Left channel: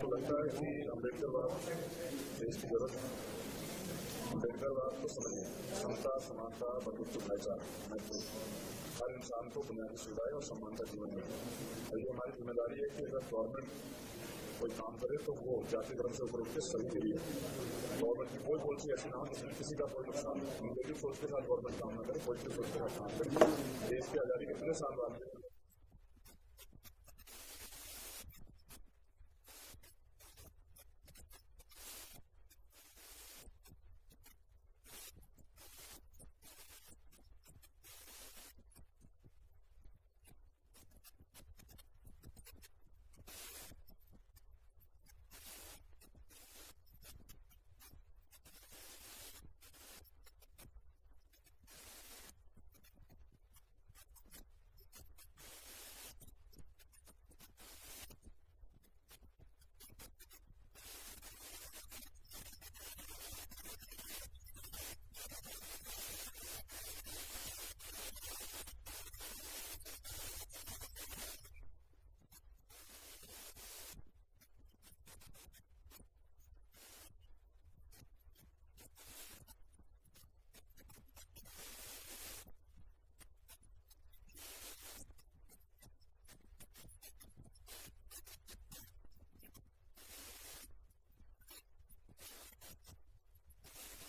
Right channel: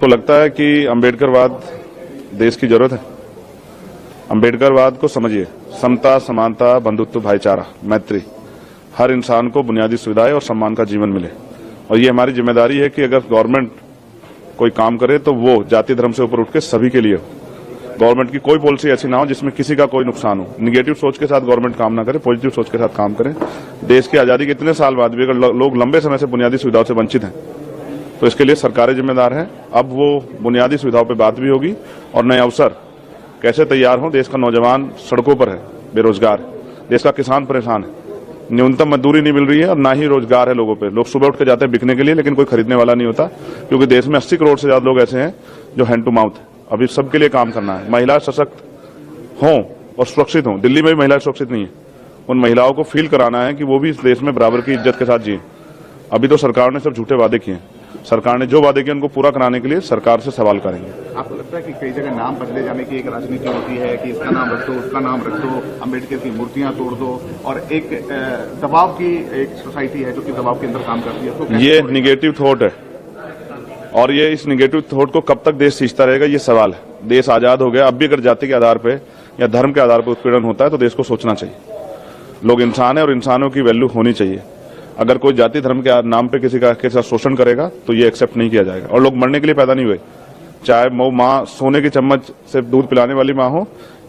तो लगता है कि अम्बेडकरवाद देश की जरूरत है। अम्बेडकरवाद को समझिए, समता, समानता, बंधुत्व, भाईचारा, मैत्री, हर इंसान को बुनियादी सुविधाएं और सम्मान का जीवन मिले। और ये हमारी जिम्मेदारी है कि अगर गवर्नमेंट कोई काम करे तो वो जाति धर्म से ऊपर उठ के सभी के लिए हो। गवर्नमेंट की कोई पॉलिसी ऐसी ना हो जिसमें किसी का कोई नुकसान हो। निगेटिव सोच के साथ गवर्नमेंट काम ना करे, पॉजिटिव सोच के साथ काम करे। देश की आजादी के इतने साल बाद भी अगर लोग लंबे समय से बुनियादी सुविधाओं से वंचित हैं तो इसके लिए सरकारें जिम्मेदार हैं। अब वो बुनियादी सुविधाओं पर बात भी होगी और नए अवसर कैसे तैयार हों। देश का नौजवान सड़कों पर है, बेरोजगार है, देश का किसान परेशान है, न्यूनतम मजदूरी नहीं मिल रही है और ना ही रोजगार है लोगों पे। लोग सुबह उठ के जाते हैं बिकने के लिए, लेकिन कोई खरीदने वाला नहीं होता, क्योंकि देश में 80 करोड़ से ज्यादा लोग ऐसे हैं जो हैंड टू माउथ है। अभी सबके लिए काम करना है। महिला सशक्त हों और सुरक्षित हों। दिल्ली में भी महिलाएं सुरक्षित नहीं है। उन महिलाओं को फील कराना है कि वो भी इस देश में बराबर की इज्जत के साथ जिए। अभी तो सरकार ने सब झूठे वादे किए। सरकार ने जो वादे किए उनको पूरा कराने के लिए सरकार से सवाल करेंगे। आपको लगता है कि कई जगह नाम बदले जाने की एक राजनीति होती है कि इसका नाम रख दो, उसका नाम रख दो, अम्बेडकर की मूर्तियां तोड़ दो, और एक दबाव की एक सोसाइटी है जो कि दबाव के अंदर काम करती है। तो ये निगेटिव थॉट है और ये इस निगेटिव थॉट को कब तक देश सींचता रहेगा, ये सवाल है। देश आजाद हो गया, अब भी अगर जाति के आधार पर या धर्म के आधार पर उत्पीड़न होता है तो देश को सोचना चाहिए। लोग इंसान है और इंसानों की वैल्यू होनी चाहिए। अगर कोई जाति धर्म के नाम पे किसी का शोषण करेगा तो ये एक्सेप्ट नहीं किया जाएगा। और लोग मरने के लिए पैदा नहीं हुए, चाहे वो माँ सोने की चम्मच से दूध पिलाने वाली माँ हो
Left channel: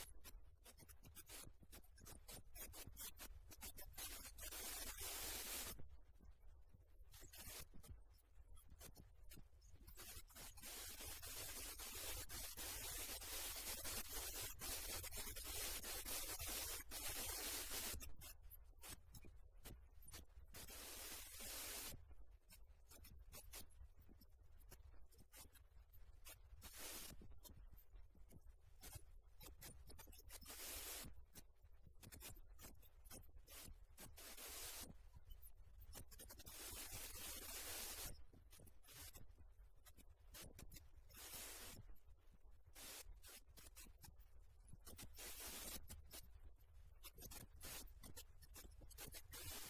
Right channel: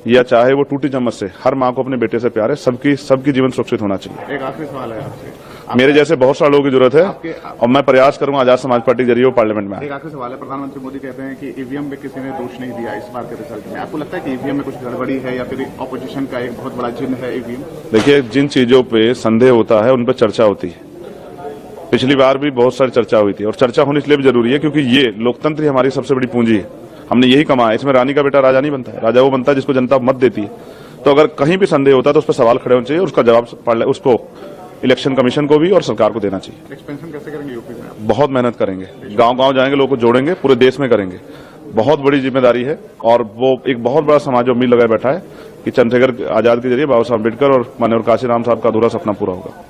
या चाहे वो टूटी चम्मच से। हर माँ को अपने बेटे से प्यार है। सबकी जीवन सुरक्षित होना चाहिए। एक आखिरी सवाल है आपसे। मेरे जैसे बहुत सारे लोगों की जरूरत है और मैं प्रयास करूंगा आजाद समाज पार्टी के जरिए वो पार्लियामेंट में आए। एक आखिरी सवाल है। प्रधानमंत्री मोदी कहते हैं कि ईवीएम में किसी ने दोष नहीं दिया इस बार के रिजल्ट में। आपको लगता है कि ईवीएम में कुछ गड़बड़ी है या फिर ऑपोजिशन का एक बहुत बड़ा चिन्ह है ईवीएम? देखिए, जिन चीजों पे संदेह होता है उन पर चर्चा होती है। पिछली बार भी बहुत सारी चर्चा हुई थी और चर्चा होनी इसलिए भी जरूरी है क्योंकि ये लोकतंत्र ही हमारी सबसे बड़ी पूंजी है। हमने यही कमाया। इसमें रानी का बेटा राजा नहीं बनता है, राजा वो बनता है जिसको जनता मत देती है। तो अगर कहीं भी संदेह होता है तो उस पर सवाल खड़े होने चाहिए, उसका जवाब उसको इलेक्शन कमीशन को भी और सरकार को देना चाहिए। एक्सपेंशन कैसे करेंगे यूपी में? बहुत मेहनत करेंगे, गांव-गांव जाएंगे, लोगों को जोड़ेंगे, पूरे देश में करेंगे। बहुत बड़ी जिम्मेदारी है और वो एक बहुत बड़ा समाज उम्मीद लगाए बैठा है कि चंद्रशेखर आजाद के जरिए बाबा साहब अम्बेडकर और माननीय काशीराम साहब का अधूरा सपना पूरा होगा।